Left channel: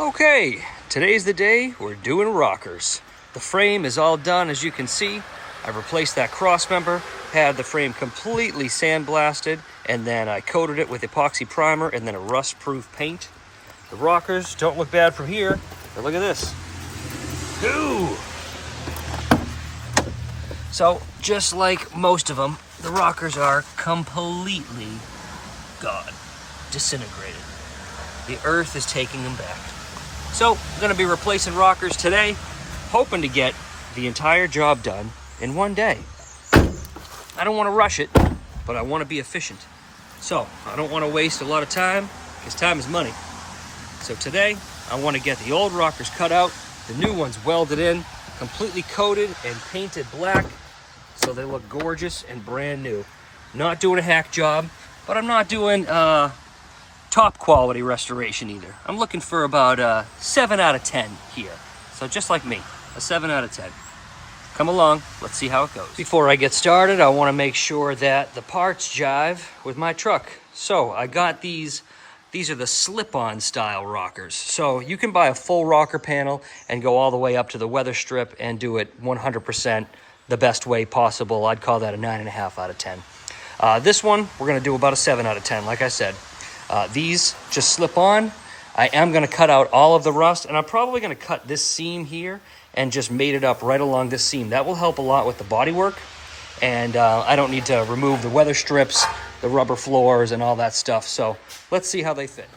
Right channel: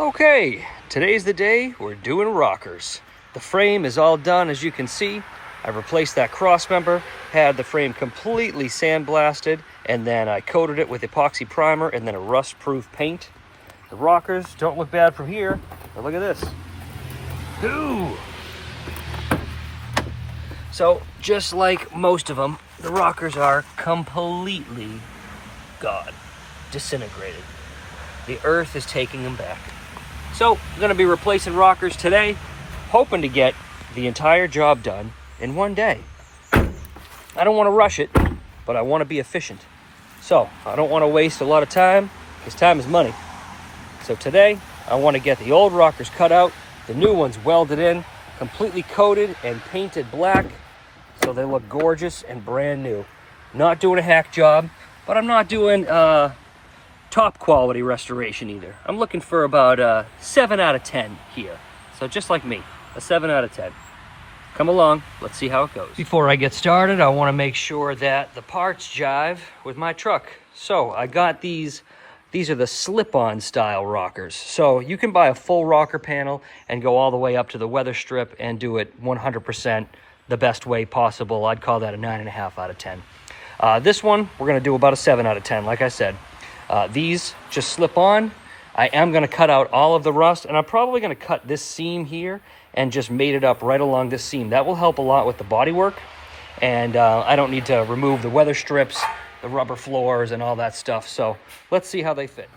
Okay, today's the day we're doing rockers. The frame is all done, as you can see. I've replaced that cross member, had the frame completely sandblasted, and then I coated it with epoxy primer and then a rust-proof paint. The rockers don't look bad from here, but look at this. Ooh! So, just like most of them, the rockers are completely gone, disintegrated. The earth is taking them back. So, I'm gonna be replacing rockers today, hoping to get the entire job done in one day. I don't wanna rush it, but I wanna be efficient. So, I don't wanna waste a lot of time, because time is money. So today, I wanna get the old rockers cut out, the new ones welded in, completely coated and painted black, so they look gorgeous and brand new. Not doing a hack job, but I'm not doing top quality restoration either. I'm looking for about a 7 out of 10 here. So just like me, a 7 out of 10. Come along, let's see how it goes. Before I get started, I want to make sure that the parts jive with my truck. So I got these are the slip-on style rockers. So you can buy a full rocker panel and go all the way up to the weather strip and do it 100% the best way possible. I'd call that a 9.5 out of 10. This one, we're gonna do about a 7 out of 10, like I said. These just slip on. I am gonna cut out all of the rust, and I'm probably gonna cut this seam here and just mate it up right along this seam. That will help a lot with the body work, and I don't need to remove the weather strips, the rubber floors, and all that stuff. So let's see how they fit.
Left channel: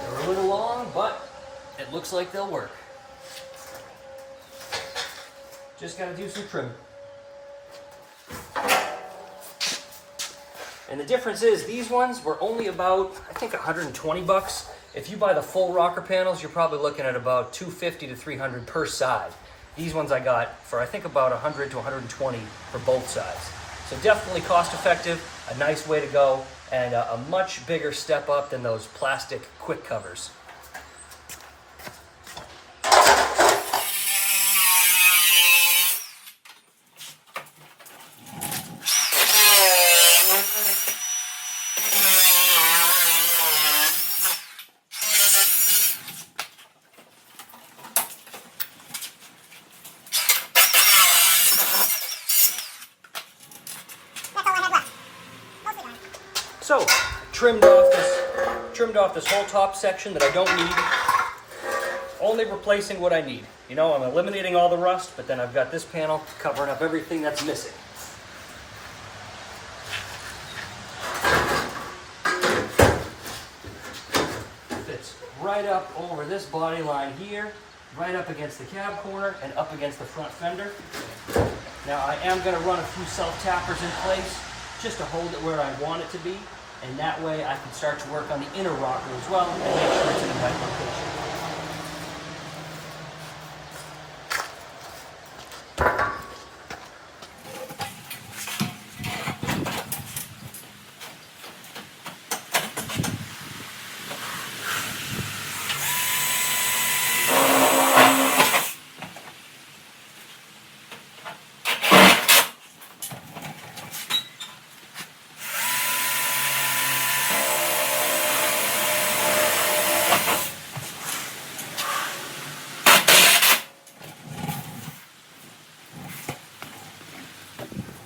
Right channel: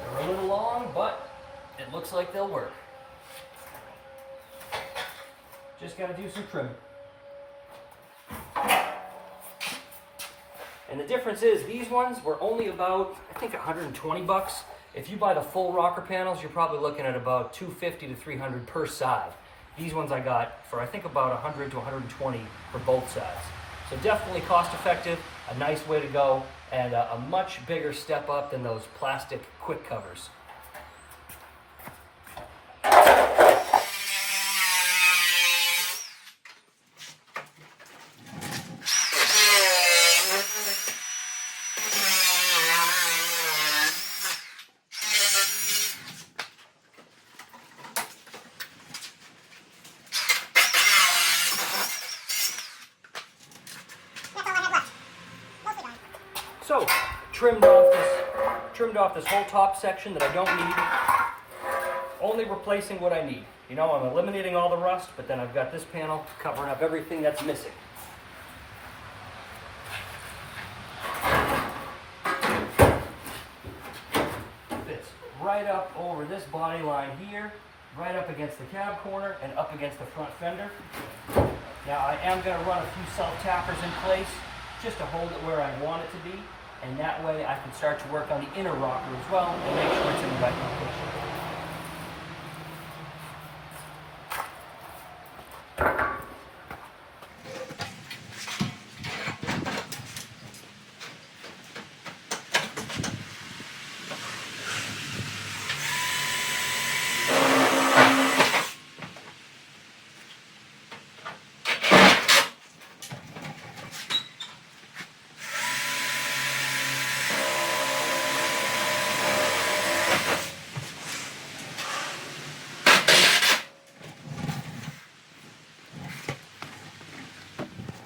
They're a little long, but it looks like they'll work. Just gotta do some trimming. And the difference is, these ones were only about, I think, 120 bucks. If you buy the full rocker panels, you're probably looking at about 250 to 300 per side. These ones I got for, I think, about 100 to 120 for both sides. So definitely cost effective, a nice way to go, and a much bigger step up than those plastic quick covers. So, trimmed off this whole top section that I don't need. Only replacing what I need. You know, I'm eliminating all the rust, but then I've got this panel covering up everything that's missing. Fits right up over this body line here, right up against the cab corner, and up against the front fender. Now, I am going to run a few self-tappers in place, just to hold it where I want it to be. And that way I can start to work on the inner rocker as well and make sure it's in the right location.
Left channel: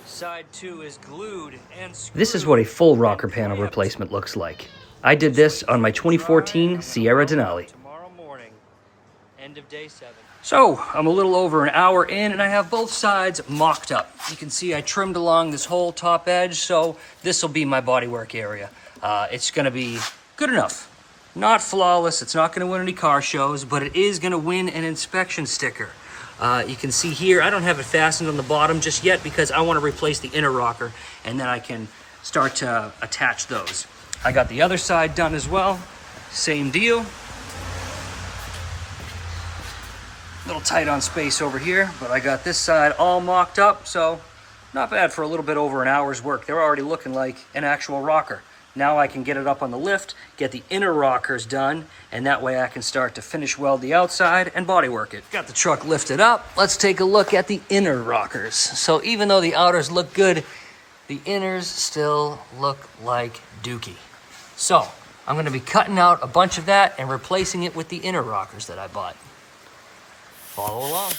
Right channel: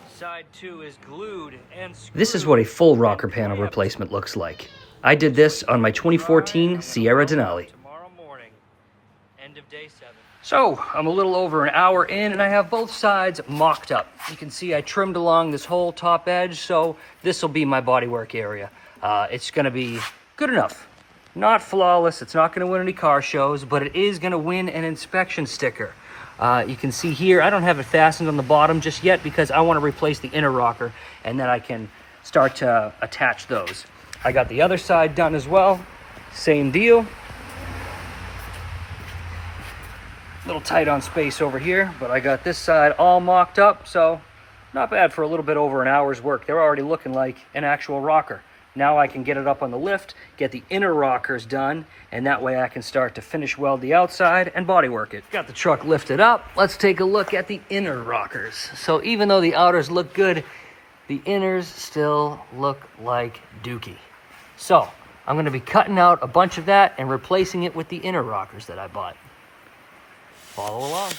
Side 2 is glued and screwed. This is what a full rocker panel replacement looks like. I did this on my 2014 Sierra Denali. Tomorrow morning, end of day 7. So, I'm a little over an hour in and I have both sides mocked up. You can see I trimmed along this whole top edge, so this will be my bodywork area. It's gonna be good enough. Not flawless, it's not gonna win any car shows, but it is gonna win an inspection sticker. You can see here, I don't have it fastened on the bottom just yet because I want to replace the inner rocker and then I can start to attach those. I got the other side done as well. Same deal. Little tight on space over here, but I got this side all mocked up, so not bad for a little bit over an hour's work. They're already looking like an actual rocker. Now I can get it up on the lift, get the inner rockers done, and that way I can start to finish weld the outside and bodywork it. Got the truck lifted up. Let's take a look at the inner rockers. So even though the outers look good, the inners still look like dookie. So I'm gonna be cutting out a bunch of that and replacing it with the inner rockers that I bought. Follow along.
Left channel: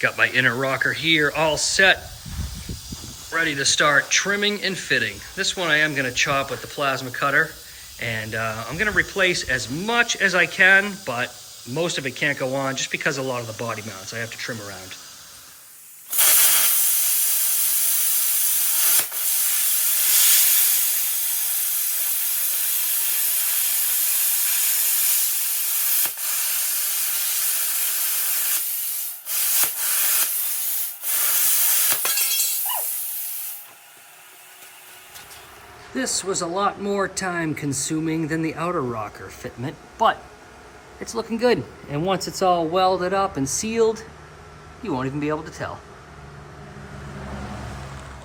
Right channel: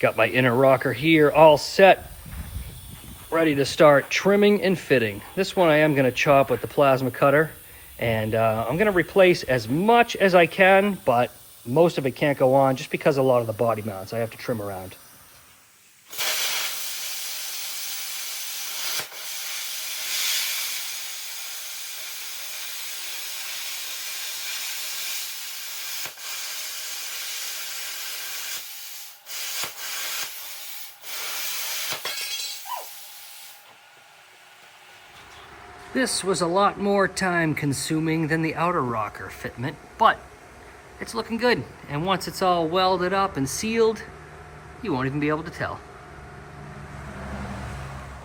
Got my inner rocker here all set, ready to start trimming and fitting. This one I am gonna chop with the plasma cutter, and I'm gonna replace as much as I can, but most of it can't go on just because a lot of the body mounts I have to trim around. This was a lot more time consuming than the outer rocker fitment, but it's looking good. And once it's all welded up and sealed, you won't even be able to tell.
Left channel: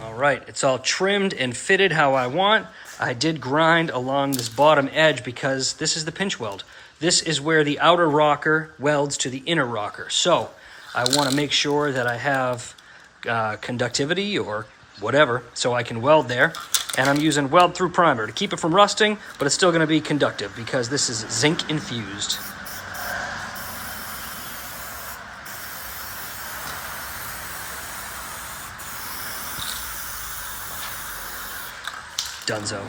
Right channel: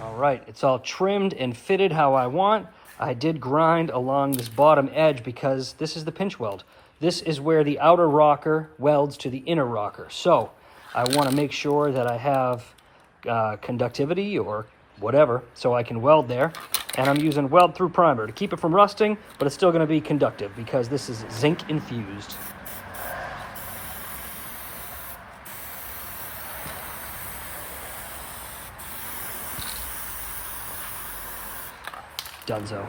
All right, it's all trimmed and fitted how I want. I did grind along this bottom edge because this is the pinch weld. This is where the outer rocker welds to the inner rocker. So I want to make sure that I have conductivity or whatever so I can weld there. And I'm using weld through primer to keep it from rusting, but it's still going to be conductive because this is zinc infused. Dunzo.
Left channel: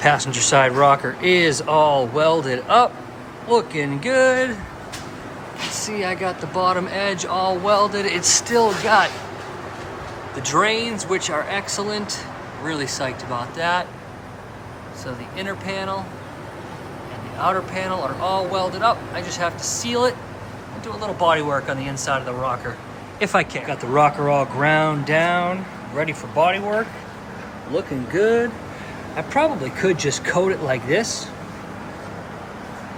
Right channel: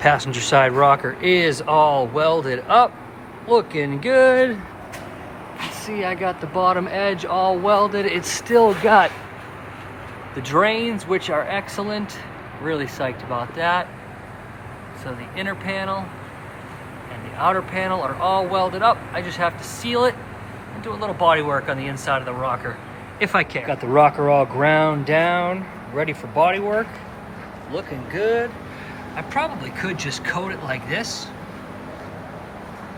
Passenger side rocker is all welded up, looking good. See, I got the bottom edge all welded. It's still got the drains, which are excellent. Really psyched about that. So the inner panel and the outer panel are all welded up. I just have to seal it and do a little body work on the inside of the rocker, if I can. Got the rocker all ground down, ready for body work. Looking good. I probably could just coat it like this,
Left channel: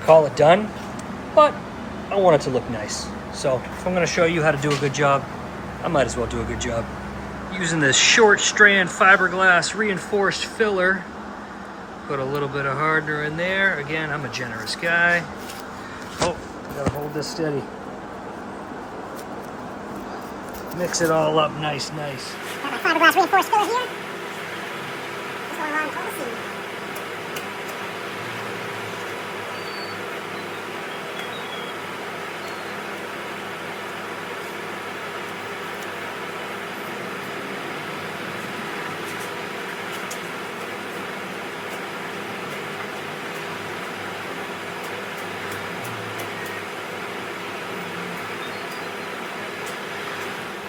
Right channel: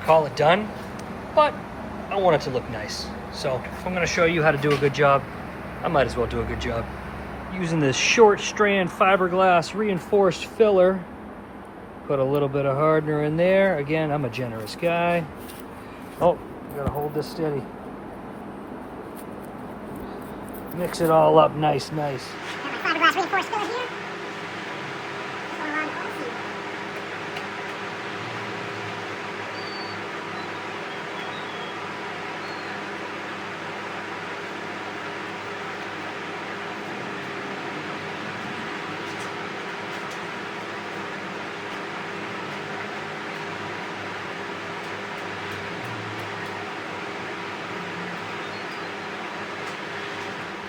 call it done, but I want it to look nice. So if I'm gonna show you how to do a good job, I might as well do a good job. Using this short strand fiberglass reinforced filler, put a little bit of hardener in there. Again, I'm a generous guy. Oh, I gotta hold this steady. Mix it all up nice. Fiberglass reinforced filler here.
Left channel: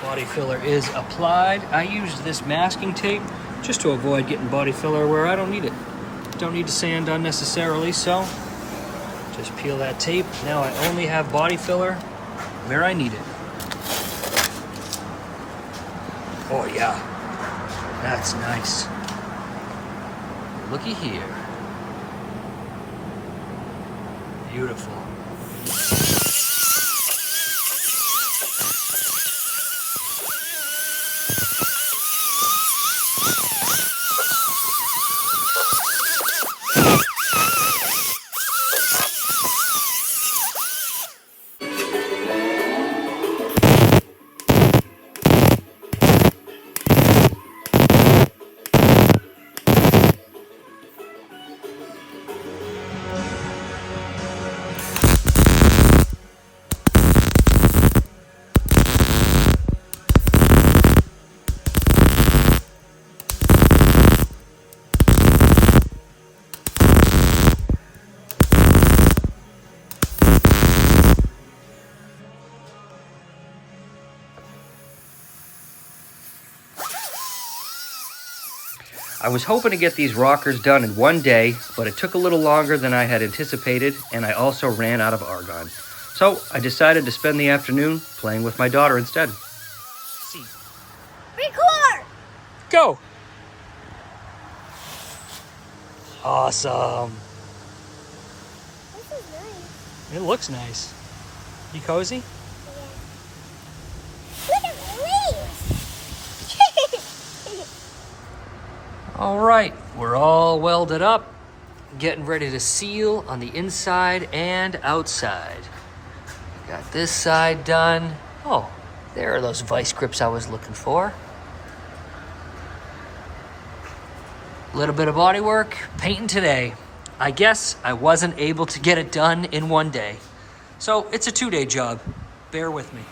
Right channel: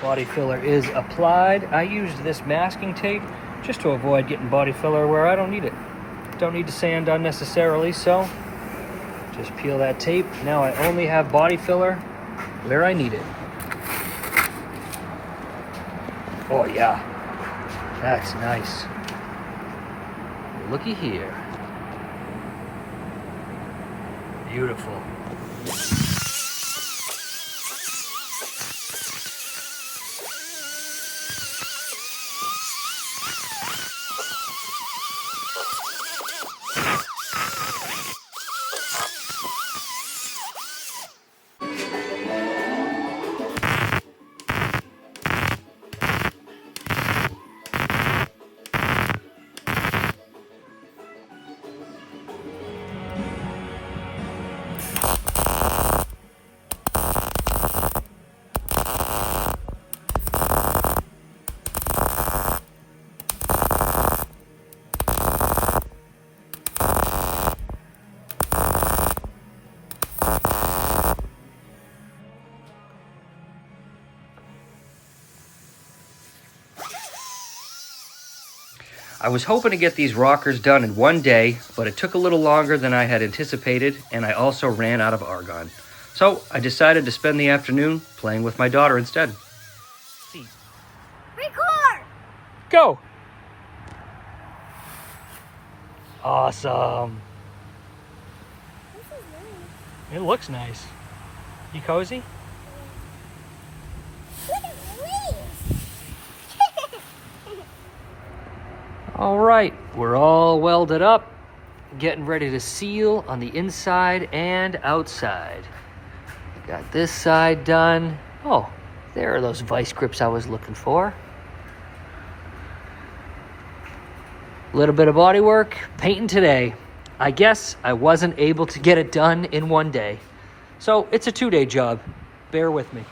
Body filler is applied. I used this masking tape just to avoid getting body filler where I don't need it. Don't need to sand unnecessarily, so just peel that tape. Now I only have body filler where I need it. Oh yeah, that's nice. Looky here. Beautiful. I was hoping to get these rockers done in one day, but it took a little longer than I had anticipated, and I also ran out of argon. So I decided to spend the afternoon playing with my daughter instead. Record! Go! Awesome. This is nice. It looks nice. You cozy? Yeah. Look at the leaves! All right, we're all welded up, getting ready to seal on the inside and outside. Got this side done. Oh, there are those vice grips I was looking for. Little bit of body work, painting today. I guess I wasn't able to get it done in one day. So it's a 2-day job. Bear with me.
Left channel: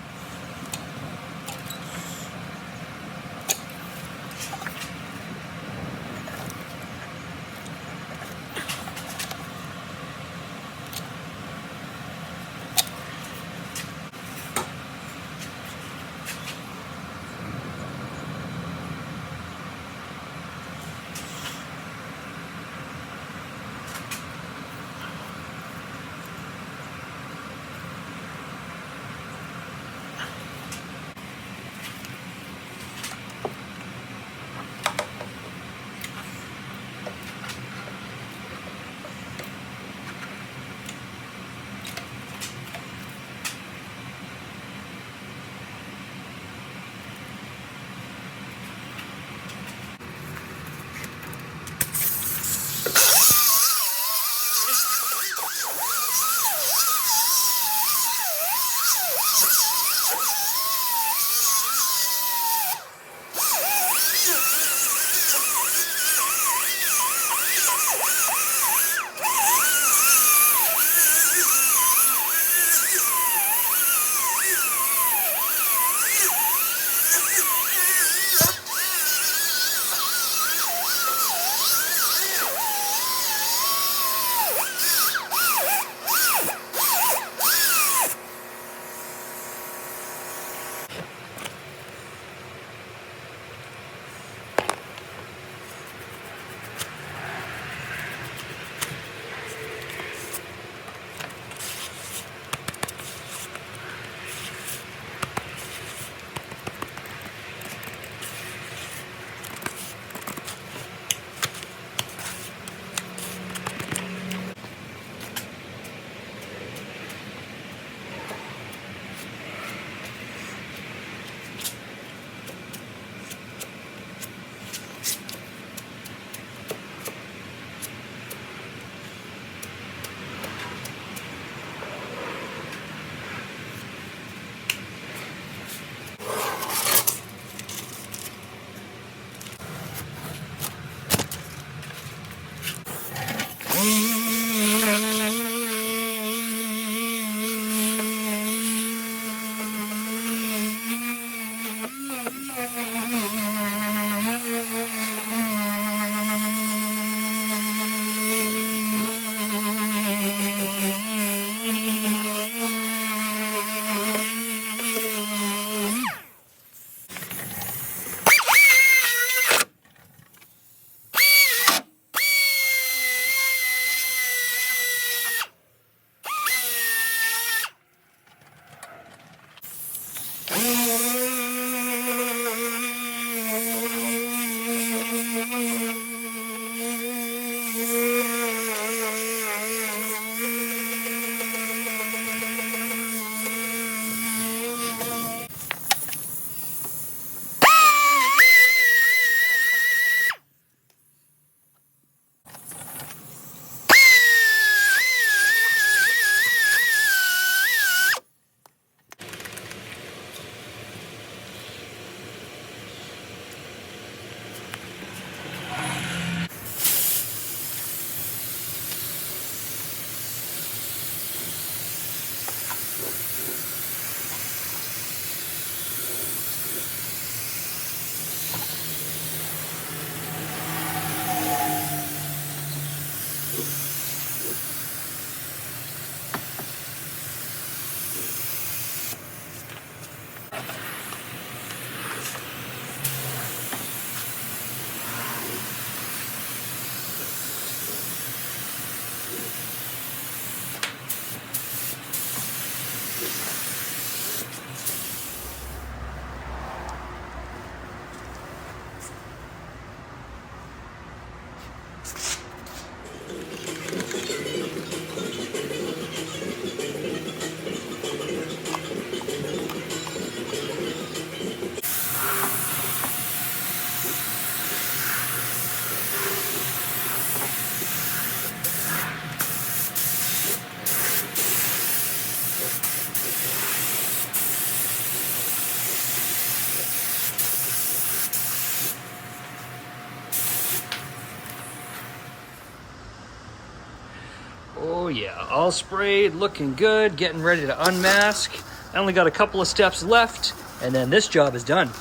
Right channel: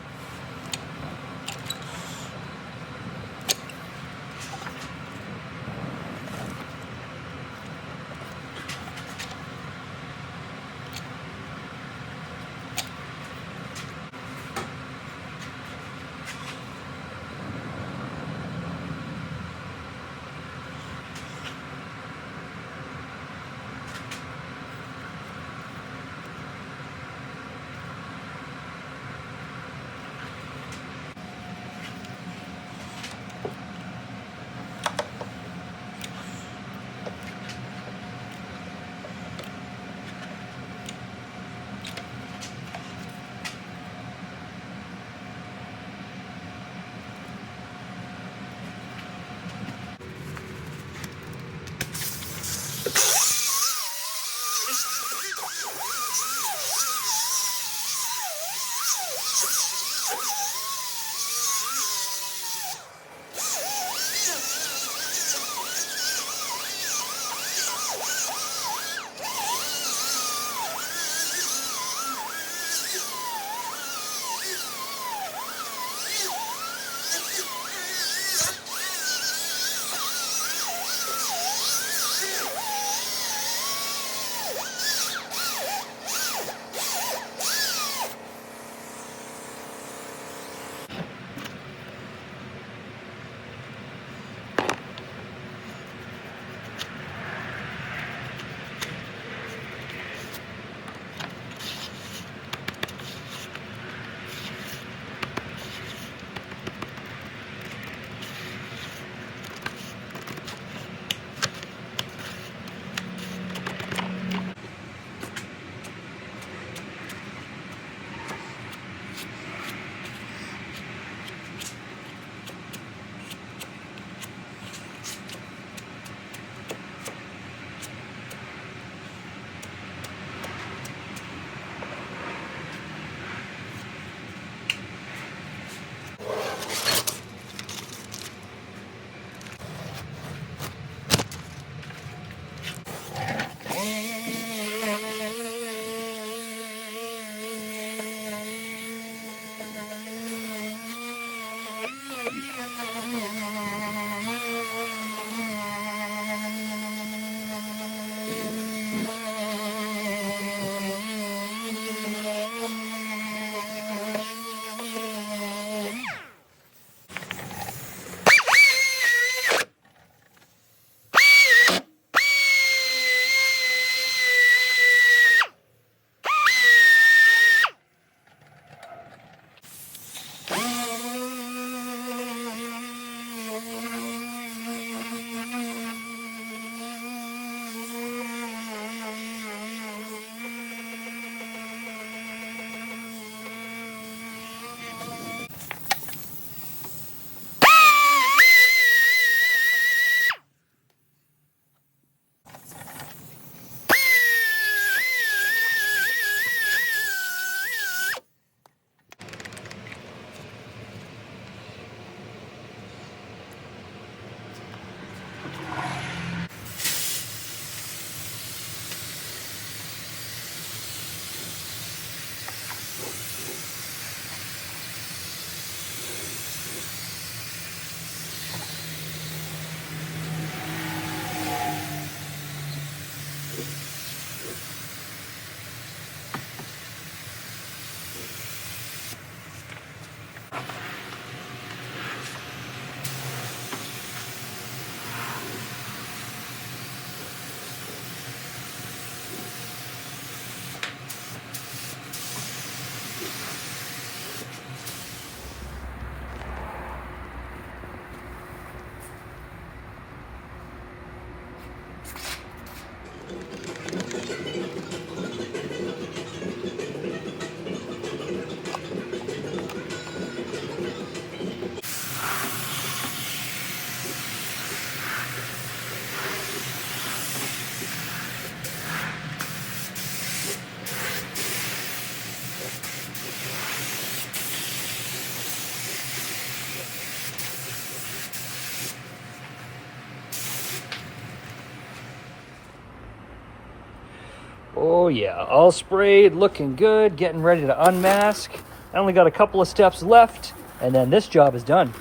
Oh yeah, all sprayed, looking good, getting ready to unmask. I only got a couple of steps left, and then this job is done.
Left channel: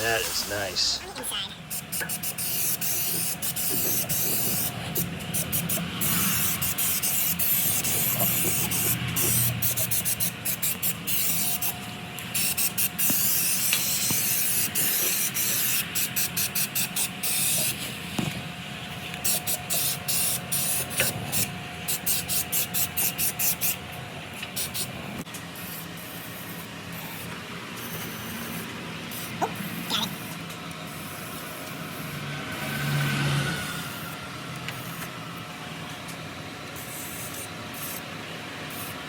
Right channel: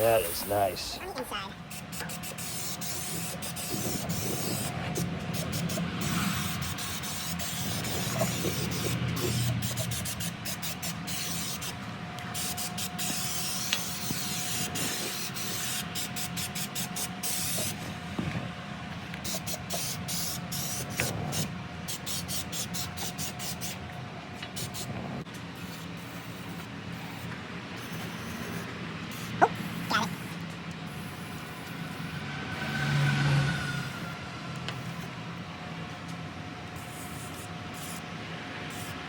That is nice.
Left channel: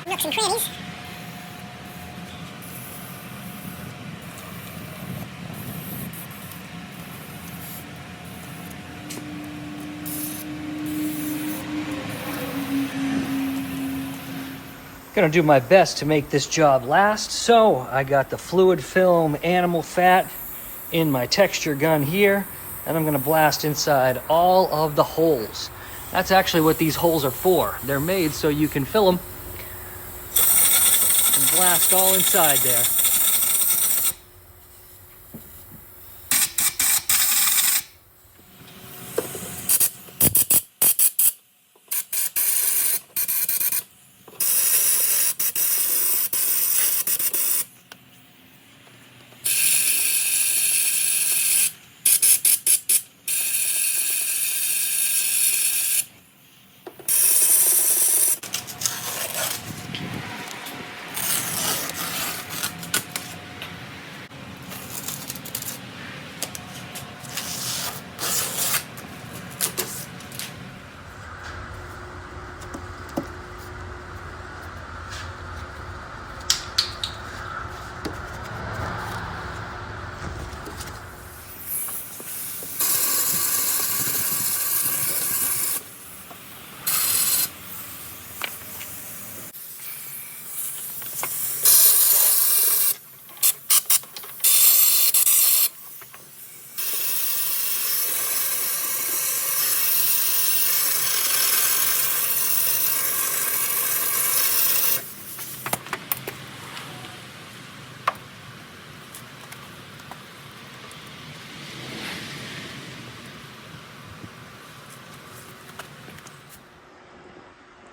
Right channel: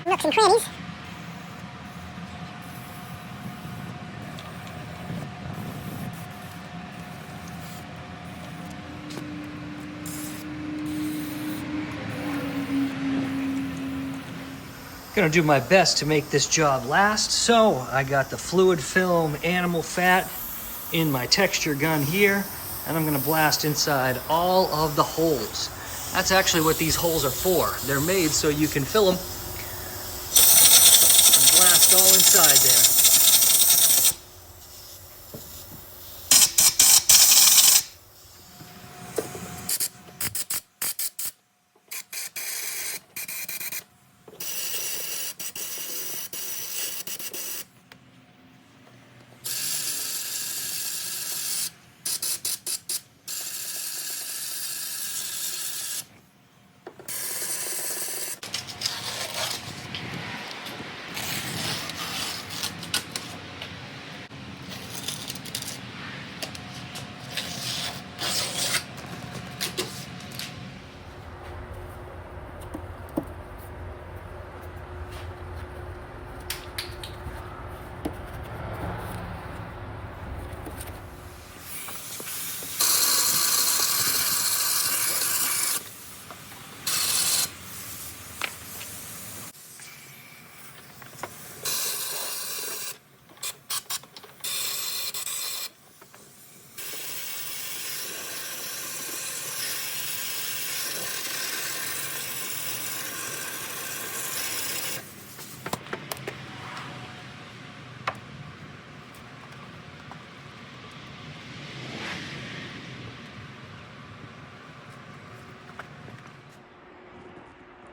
Nooks and crannies. Gonna do my best to make this job last. So I got the fluid film animal fat in my texture gun here, and I'm gonna blast inside all of the holes. That's actually what these holes are for. They're made so you can fill them and blast all inside there.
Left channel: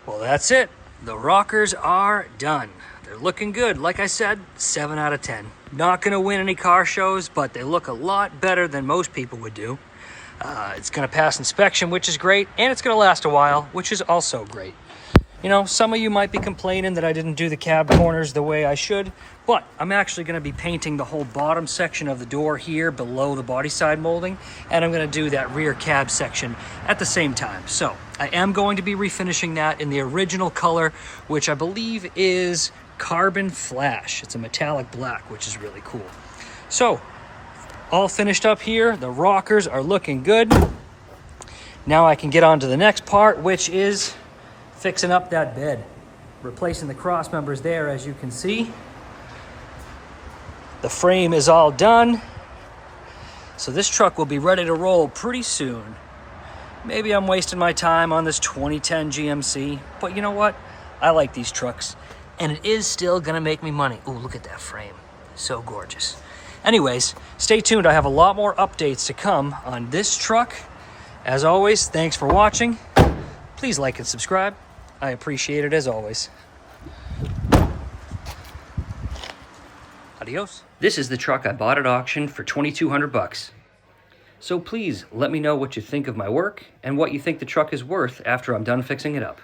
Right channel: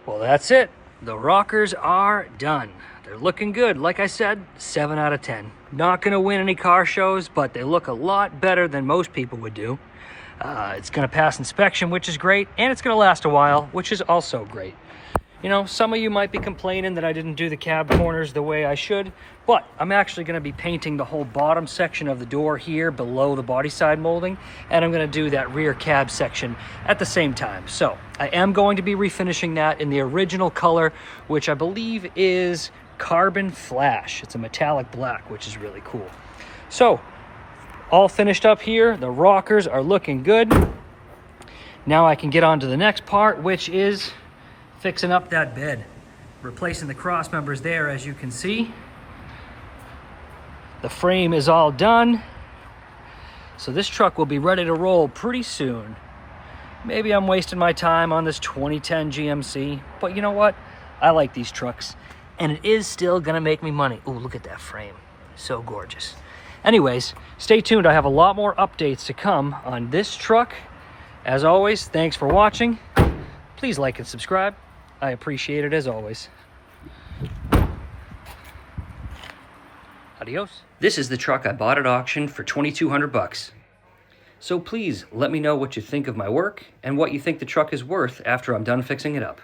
Well, that's it. The rockers are done. They're looking good. Like I said, 7 out of 10. Not gonna win any car shows, but they look a lot better than most people would do. It's gonna pass inspection, which is great, and it's gonna last a while, which is also great. You know, some of you might be complaining that I didn't do the cab corners the way I should, but I'm actually going to be painting the whole bottom section of the door here below the body side molding, and I'm going to do that rear cab section at the same time. So I am going to be refinishing that in the original color, which I believe is Carbon Flash. It's a metallic black, which is really cool. So all finished up here. The rockers are looking good. Now I can get on to the next part, which is fixing up that bed. Replacing the cross members there, as you can see. The frame is all done. So this truck will be ready to roll pretty soon. Maybe I'm wasting my time on this 2010 GMC, but you know what? I like these trucks, and it is still gonna make me money. Ooh, look at that frame. So gorgeous. Anyways, stay tuned. I have a lot more updates to come on this truck. As always, thanks for watching. Please like and subscribe. I appreciate it as always. Adios. This is the truck I bought at auction for $2,200. So please let me know what you think of my work and what you think the truck is worth after I'm done fixing it up.